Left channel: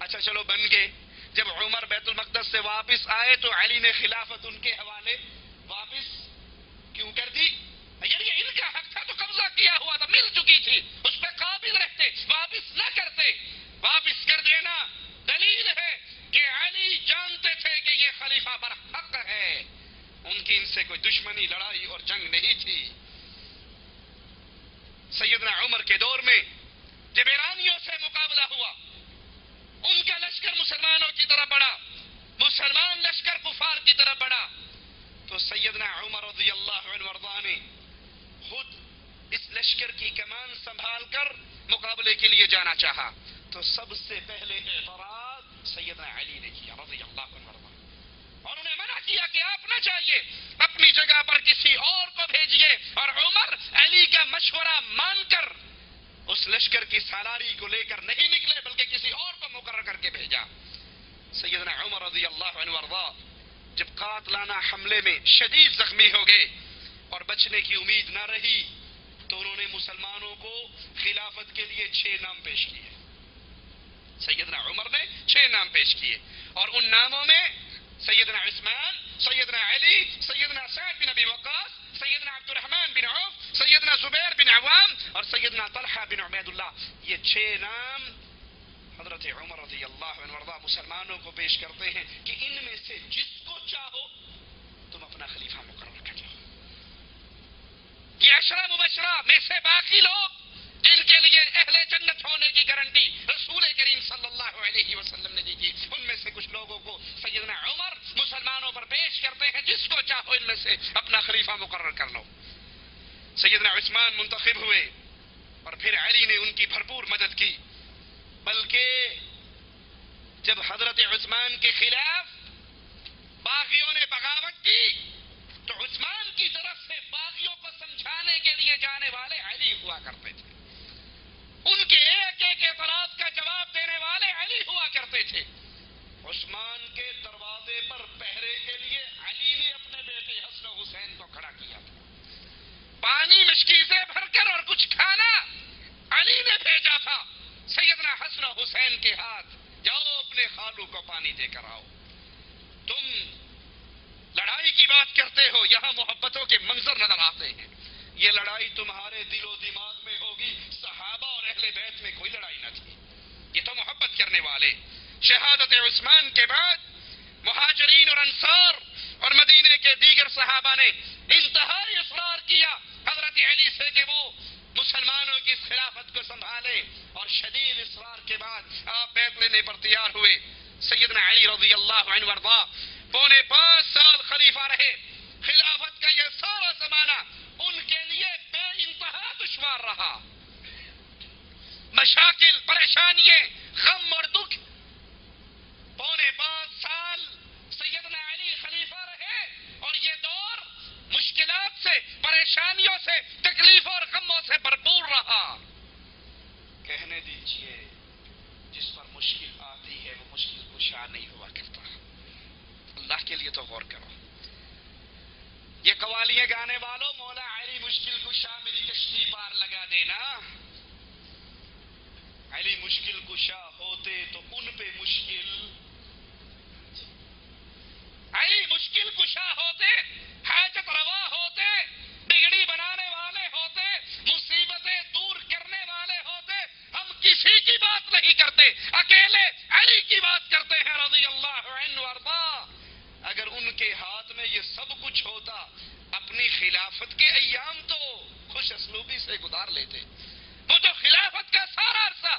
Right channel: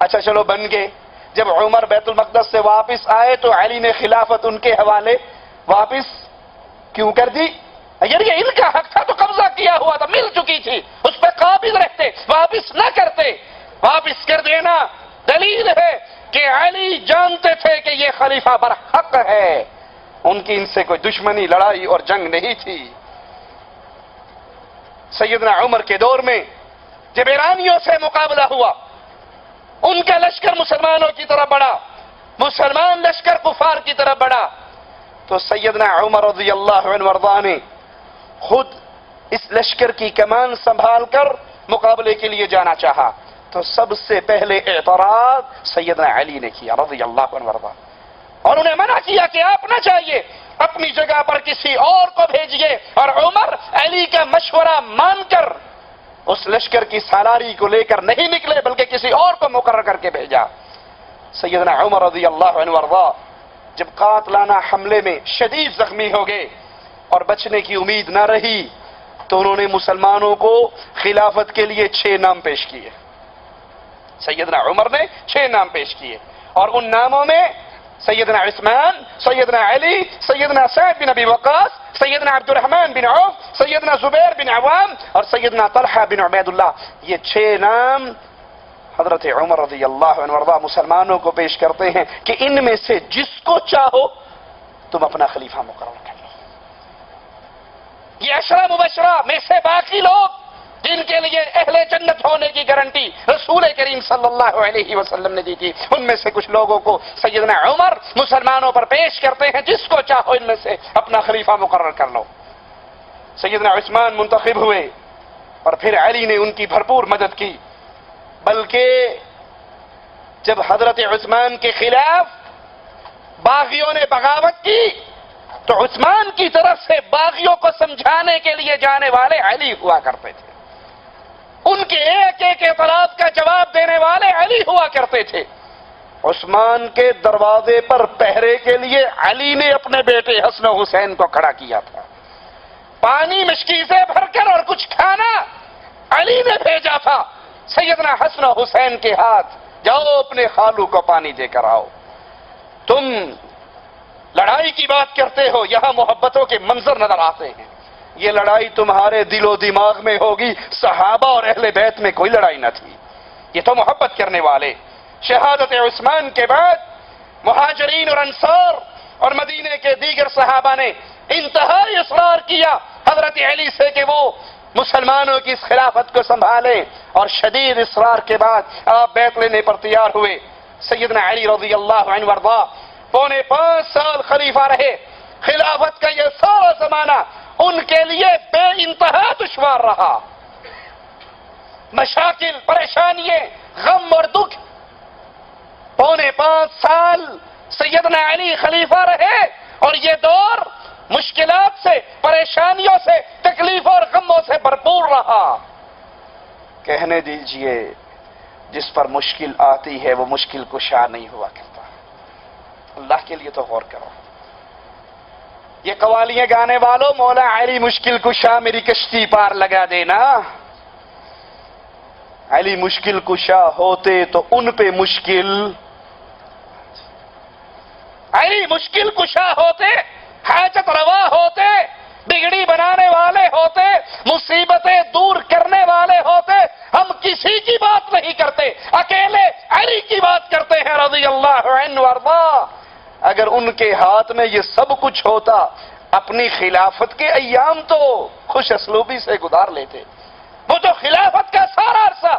اچھا چلو بن گئے. جب عمر بیت المقدس سے واپس آئے تو علی نے خلافت ان کے حوالے واپس کیوں کر دی؟ اگر یہ ان کا حق تھا تو قبضہ کیا ہوا تھا، مل چکی تھی، اس پہ قابض رہتے، واپس نہ کرتے. واپس کر دینا دلیل ہے کہ علی جانتے تھے کہ یہ خلیفہ برحق ہے، ان کی ان سے کوئی دشمنی، لڑائی اور جنگ نہیں تھی. سیدنا عمر کے دور میں جب ایرانیوں سے مقابلہ ہوا، ان کا لشکر مسلمانوں کی طرف بڑھا، مسلمان لشکر کفار کی طرف بڑھا، تو سیدنا عمر رضی اللہ عنہ وارضاہ نے خود اس لشکر کی کمان سنبھال کر مقابلے کے لیے جانا چاہا. تو سب سے پہلے اعتراض سیدنا علی نے کیا رضی اللہ عنہ وارضاہ، اور انہیں منع کیا کہ آپ نہ جائیے، اپنی جگہ پر کسی اور کو بھیجیے. اور عمر علی کا مشورہ مان کر اس لشکر کی سالاری کو لے کر نہیں نکلے، بلکہ کسی اور کو مقرر کر کے بھیجا. سیدنا عمر رضی اللہ عنہ وارضاہ جب قاتلانہ حملے میں شدید زخمی ہو گئے اور بچنے کی امید نہ رہی، تو انہوں نے مسلمانوں کو خلافت کے لیے 6 نام پیش کیے. سیدنا عمر نے 6 نام پیش کیے، اور ان ناموں میں سیدنا عثمان، سیدنا علی، سیدنا سعد بن ابی وقاص، سیدنا عبد الرحمن بن عوف، سیدنا زبیر بن عوام اور سیدنا طلحہ بن عبید اللہ، یہ 6 نام حضرت عمر رضی اللہ عنہ وارضاہ مسلمانوں کو پیش کرتے ہیں کہ ان میں سے جس کو چاہو تم اپنا خلیفہ مقرر کر لو. یہ 10 مبشرہ میں سے باقی لوگ جن کے لیے اہل جنت ہونے کی گارنٹی رسول کریم صلی اللہ علیہ وسلم نے دی تھی، ان میں سے کچھ لوگوں کو سیدنا عمر مسلمانوں پر پیش کرتے ہیں، جس کو چاہو ان میں سے اپنا خلیفہ مقرر کر لو. سیدنا عثمان منتخب ہوئے اور پھر علی نے ان کی بھرپور مدد کی، بلکہ جب حضرت عثمان کے خلاف باغیوں نے بغاوت کی تو عثمان کی طرف سے باغیوں کو سمجھانے کے لیے جانے والے علی ہوا کرتے تھے، ان کے ایک ایک اعتراض کا جواب دینے والے علی ہوا کرتے تھے. عثمان کے دروازے پر پہرے کے لیے علی نے اپنے بیٹے حسن و حسین کو کھڑا کیا تھا. پانی مشکیزیں بھر کر اور کچھ کھانا علی نے بھیجا تھا سیدنا حسن و حسین کے ہاتھ، جاؤ اپنے خالو کو پانی دے کر آؤ. تم لڑائی کی بات کرتے ہو، یہاں محبتوں کے منظر نظر آتے ہیں. یہ لڑائی تمہارے دل و دماغ میں ہوگی، صحابہ اور اہل بیت میں کوئی لڑائی نہ تھی. یہ تو محبت کرنے والے. شہادت عثمان کے بعد مہاجرین اور انصار اور مدینے کے دیگر صحابہ نے انتہائی اصرار کیا حضرت علی سے کہ وہ مسلمانوں کی اس خلافت کو سنبھالیں، اور شدید اصرار کے بعد آپ بیعت لینے پر تیار ہوئے. سیدنا علی رضی اللہ عنہ وارضاہ 5.25 سال خلیفہ رہے. خلافت کا یہ سارا زمانہ ان کے لیے بے انتہا دشوار رہا. مشاکل، پریشانیاں، غم اور دکھ. 5.25 سال سیدنا علی خلیفہ رہے، اور یہ دور مشکلات سے، پریشانیوں سے، تکلیف اور غموں سے بھرپور رہا. کہنے دیجئے جس پر مشکل آتی ہے وہ مشکل کشا نہیں ہوا کرتا. اللہ کے لیے تو غور کرو. یہ قوالیاں گانے والوں، مولا علی مشکل کشا میری کشتی پار لگا دینا. علی مشکل کشا ہوتے تو ان پہ مشکل، علی مشکل کشا ہوتے، حاجت روا ہوتے، بگڑی بنانے والے ہوتے، مصیبتیں دور کرنے والے ہوتے. ہم کسی کی بات نہیں کرتے، اکیلے علی کی بات کرتے ہیں رضی اللہ عنہ وارضاہ. اگر ان کے ہاتھ میں یہ سب کچھ ہوتا، اپنی خلافت کے ایام تو خوش اسلوبی سے گزار لیتے. وہ تو خلافت کا سارا عرصہ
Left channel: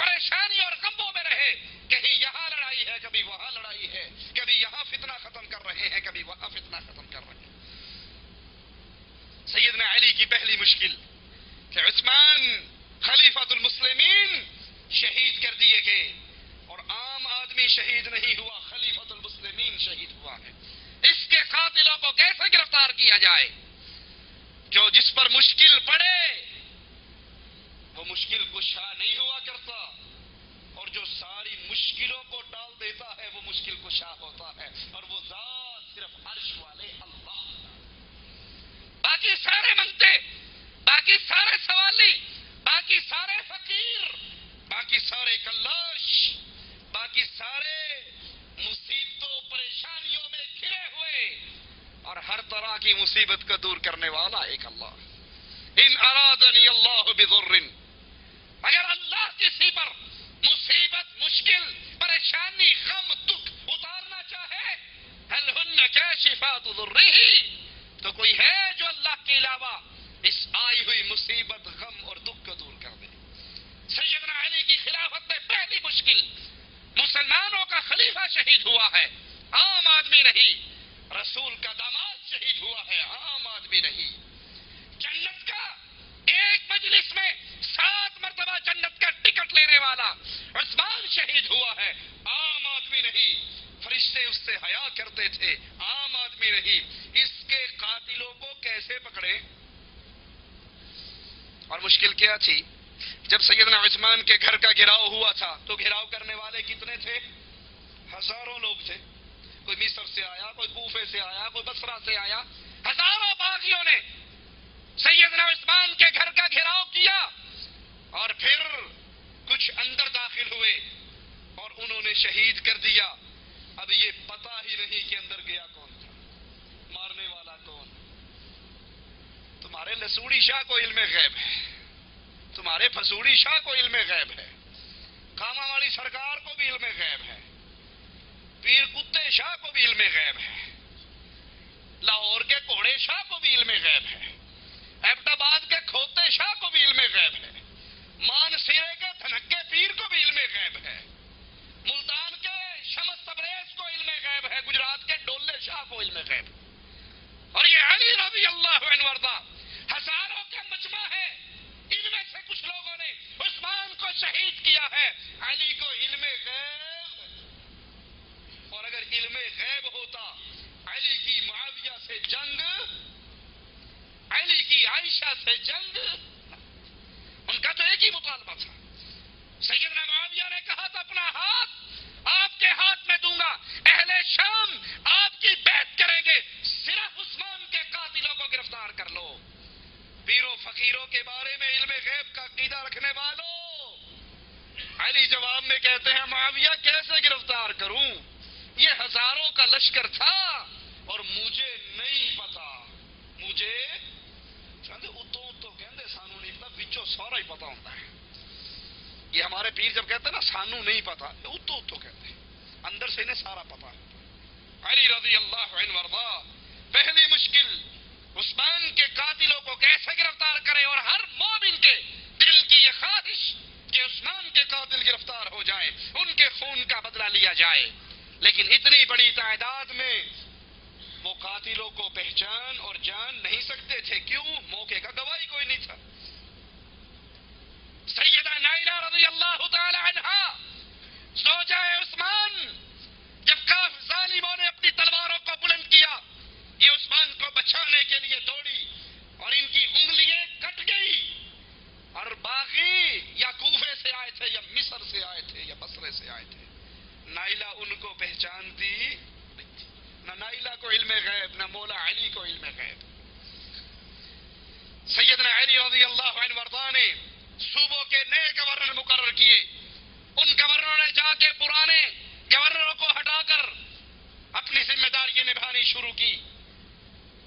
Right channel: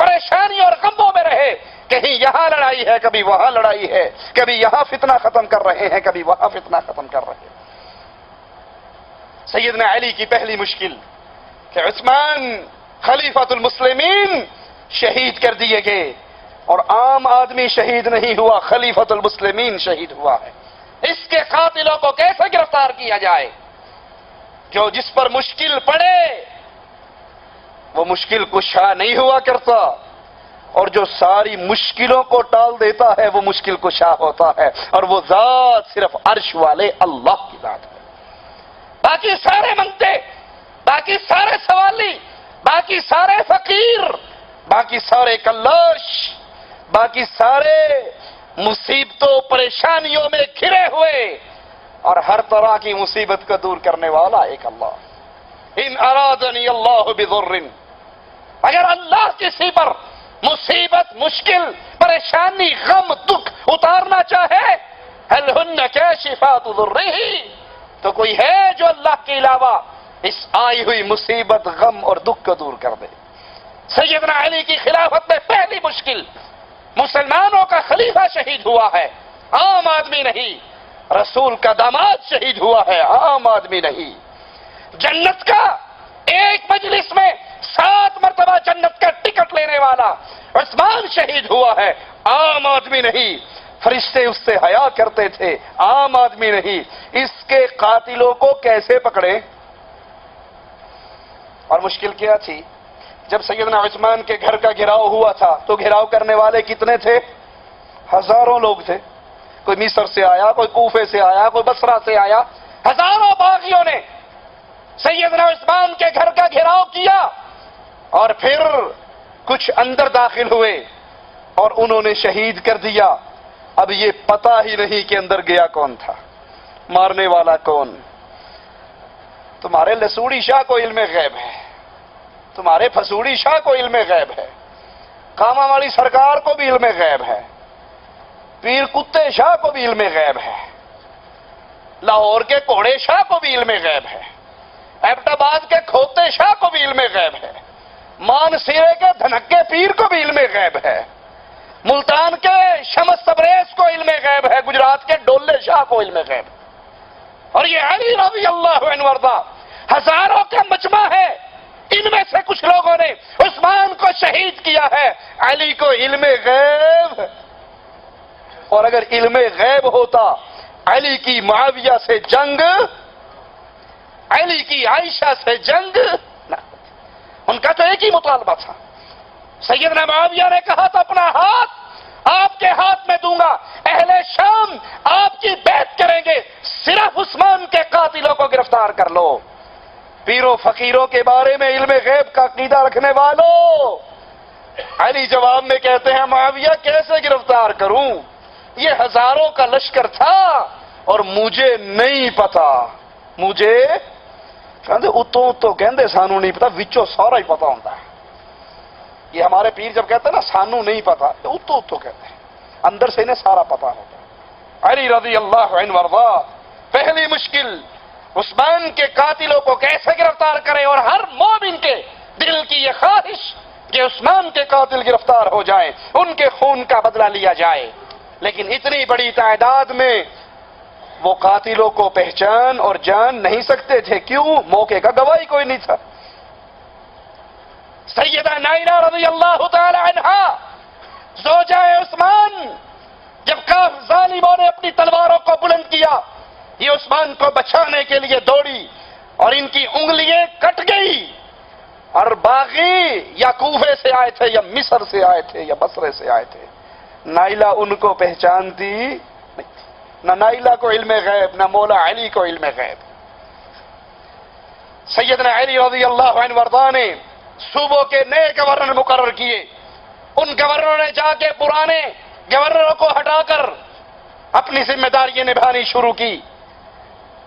پریشانی اور غموں میں رہے، کہیں یہاں لڑائی ہے، کبھی وہاں لڑائی ہے، کبھی یہاں فتنہ ختم کر رہے ہیں، کبھی وہاں فتنہ ختم کر رہے ہیں. سیدنا علی کی پہلی مشکل کہ عثمان خلیفۃ المسلمین شہید کر دیے گئے، اور عام آدمی شہید نہیں ہوا، خلیفۃ المسلمین شہید ہوا ہے. اس کے قاتلوں کو کیسے گرفتار کیا جائے؟ جو جس پر مشکل پڑے وہ مشکل کشا نہیں ہوا کرتا، اور جو ساری مشکلوں کو ٹال دیتا ہے وہ مشکل کشا ہوتا ہے، اور وہ ذات صرف عرش والے اللہ کی ذات ہے. باقی سارے منگتے، باقی سارے سوالی، باقی سارے فقیر، باقی سارے کلاش، باقی سارے مصیبتوں پریشانیوں میں گھرے ہوئے اور ہر طرح کی مصیبت کو دور کرنے والا ایک اللہ. ان ارادنی اللہ بضر، اگر اللہ کسی پر مصیبت، مشکل، پریشانی، غم، دکھ اتارنا چاہے، هل هن کاشفات ضرہ، تو کوئی ہے جو اللہ کے علاوہ اس آئی ہوئی مصیبت، غم اور دکھ کو دور کر دے. سیدنا علی کی خلافت میں پہلی مشکل، مسلمانوں کا خلیفہ شہید ہوا ہے، عام آدمی نہیں. رسول کا داماد شہید ہوا ہے، عام آدمی نہیں. جنت کا ایک مجلس میں 7 مرتبہ جنت کا ٹکٹ لینے والا عثمان شہید ہوا ہے، عام آدمی نہیں. فرشتے اس سے حیا کرتے تھے، عام آدمی نہیں. اس کے قاتلوں کو کیسے پکڑے؟ اور مشکل کیا تھی؟ جب سیدنا عثمان کے گھر کا گھراؤ ہوا تھا تو گھراؤ کرنے والے کتنے تھے؟ ہزاروں لوگ تھے. کوئی مصر سے آیا، کوئی کوفے سے آیا، کوئی بصرہ سے آیا. ہزاروں باغیوں نے سیدنا عثمان کے گھر کا گھراؤ کیا اور پھر کچھ اندر داخل ہوئے اور انہوں نے شہید کر دیا. اب یہ پتہ ہی نہیں کہ اندر گیا کون تھا، مارنے والا کون. تمہارے لسوڑی شاہ کو علم غیب ہے، تمہارے پھسوڑی شاہ کو علم غیب ہے، کاما والی سرکار کو بھی علم غیب ہے، پیر کتے شاہ کو بھی علم غیب ہے، لاہور کے کوڑے شاہ کو بھی علم غیب ہے، ایبٹ آباد کے کھوتے شاہ کو بھی علم غیب ہے، مان سیرے کے دھنکے پیر کو بھی علم غیب ہے، ملتان کے شمس تبریز کو علم غیب ہے، گجرات کے ڈولے شاہ کو علم غیب ہے. اور یہ علی رضی اللہ عنہ وارضا ہزاروں کا مجمع ہے. ان میں سے کچھ لوگوں نے عثمان کو شہید کیا ہے. علی کو علم غیب، اور اگر علم غیب ہوتا علی کی معاویہ سے جنگ، علی کی عائشہ سے جنگ نہ. ان کا تو ایک ہی مطالبہ تھا. سیدنا معاویہ نے کہا تھا اپنا ہاتھ آپ کے ہاتھ میں دوں گا، اہل شام آپ کی بیعت کریں گے، صرف عثمان کے قاتلوں کو گرفتار کر لو. پیروں فقیروں کے بارے میں علم غیب کا عقیدہ رکھنے والوں، علی جواب میں کہتے ہیں معاویہ کیسے گرفتار کروں، یہ ہزاروں کا لشکر تھا اور مجھے نہیں پتا. مجھے کہتے اتوں کہندے سانو نہیں پتا، وچوں سارا ہی پتا ہوتا ہے. یہ ہمارے پیر جب کہتے ہیں نا سانو نہیں پتا، اتوں کہتے ہیں، اندر سے انہیں سارا پتا ہوتا ہے. علی رضی اللہ عنہ وارضا پہلی مشکل عثمان کے قاتلوں کو کیسے گرفتار کرے، اور ہر مومن کے دل کی یہ خواہش کہ عثمان کے قاتل گرفتار ہو جائیں، ان کے خون کا بدلہ لیا جائے. لیکن اتنی بڑی تعداد میں وہ قاتلوں کو پہچان اور جان نہیں سکتے تھے. کیوں؟ موقع کا گواہی کوئی نہیں تھا. سیدہ نائلہ رضی اللہ تعالی عنہا زوجہ عثمان، جب کاف ظالموں نے اپنی تلواروں کو بلند کیا، یہ عثمان کو بچانے کے لیے دوڑی اور ان کی انگلیاں کٹ گئی. اور باغی یا کوفے سے آئے تھے یا مصر سے آئے تھے یا بصرے سے آئے تھے، نائلہ ان کو پہچانتی نہیں تھی. نہ نائلہ کو علم غیب، نہ مولا علی کو علم غیب. سیدنا علی رضی اللہ عنہ وارضا نے صوبوں کے نئے گورنر مقرر کیے. ان گورنروں نے جا کے پرانے گورنروں کو ہٹا کر اپنی ذمہ داریاں نبھانی شروع کی.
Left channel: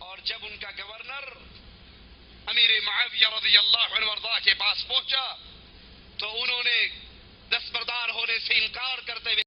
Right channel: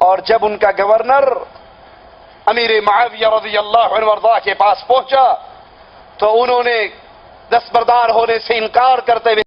اور جب ان کا گورنر امیر معاویہ رضی اللہ عنہ وارضا کے پاس پہنچا تو انہوں نے دستبردار ہونے سے انکار کرتے ہوئے